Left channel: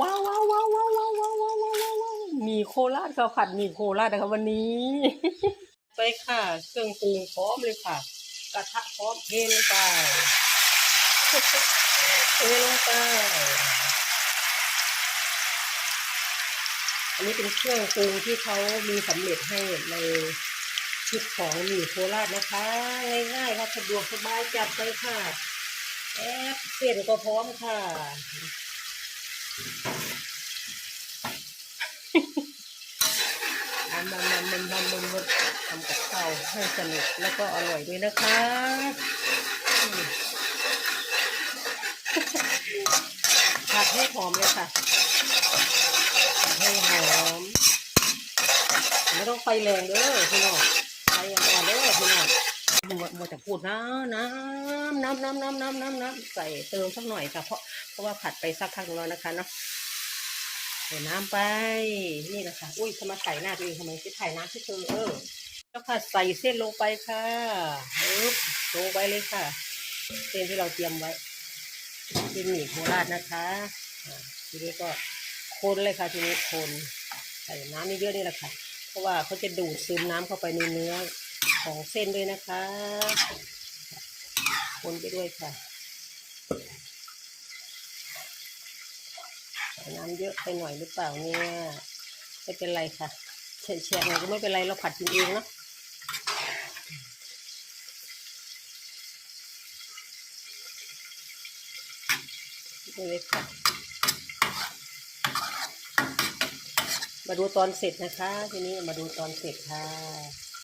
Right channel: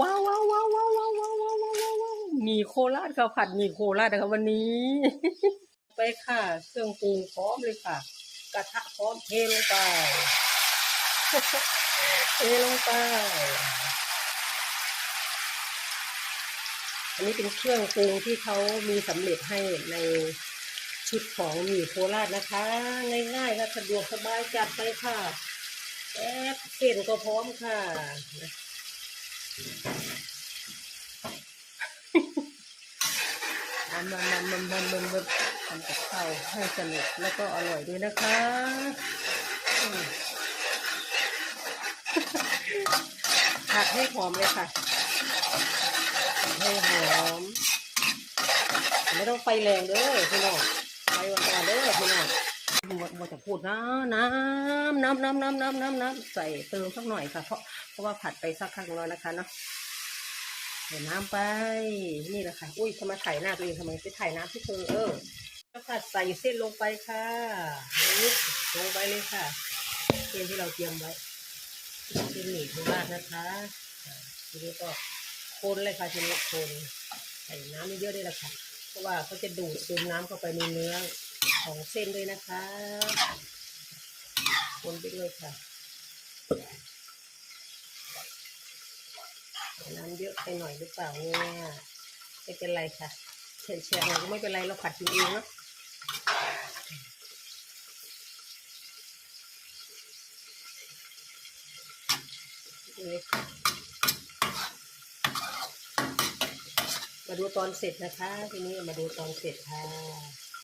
ว้าวว้าวว้าวว้าวว้าวว้าวว้าวว้าวมีโคราชข้าวผัดมีโคราชนะครับวันนี้ ไปค่ะ เครื่องปรุงพร้อมเลยค่ะ กระทะพร้อมเทลงไปเทลงไปอันนี้เป็นเครื่องปรุงที่เขามีสำเร็จให้ในชุดของหมี่โคราชนะคะ ง่ายๆค่ะสะดวกสบายจัดไปค่ะแอบเส้นก็พร้อมค่ะ อันมามามามามามาทำกับข้าวให้สนุกแล้วก็อร่อยด้วยนะคะผัดให้หอมเลยค่ะให้หอมไม่ต้องไฟแรงเด้อพี่น้องไฟอ่อนๆเด้อพี่น้อง มดหมดจะพูดนะน้ำน้ำน้ำน้ำน้ำน้ำน้ำใส่เติมสักหน่อยค่ะ เพราะเพราะว่าผัดไปสักพักหนึงแล้วนะคะเนาะใส่น้ำไป นี่แหละค่ะ อุ้ยทำไมถ่ายหน้าตัวเองทำไมไปถ่ายน้ำที่เธอเออแล้วค่ะใส่เส้นลงไปค่ะลงไปเลยค่ะ เส้นที่เราเตรียมไว้เป็นหมี่โคราชนะคะทีนี้ก็คนเลยค่ะทีนี้คนใส่น้ำนี่เยอะด้วยละค่ะ เพราะว่าเขาจะดูดซึมน้ำเข้าไปในเนื้อ ของเส้นด้วยนะคะคนไปด้วยค่ะ น้ำเยอะไปหน่อยหรือเปล่าเนี่ยไม่เป็นไรค่ะเฉะๆหน่อยก็ไม่เป็นไรเราผัดกินเองเนาะเลยค่ะมาดูตอนเสร็จนะคะ ทีนี้มาดูตอนเสร็จค่ะ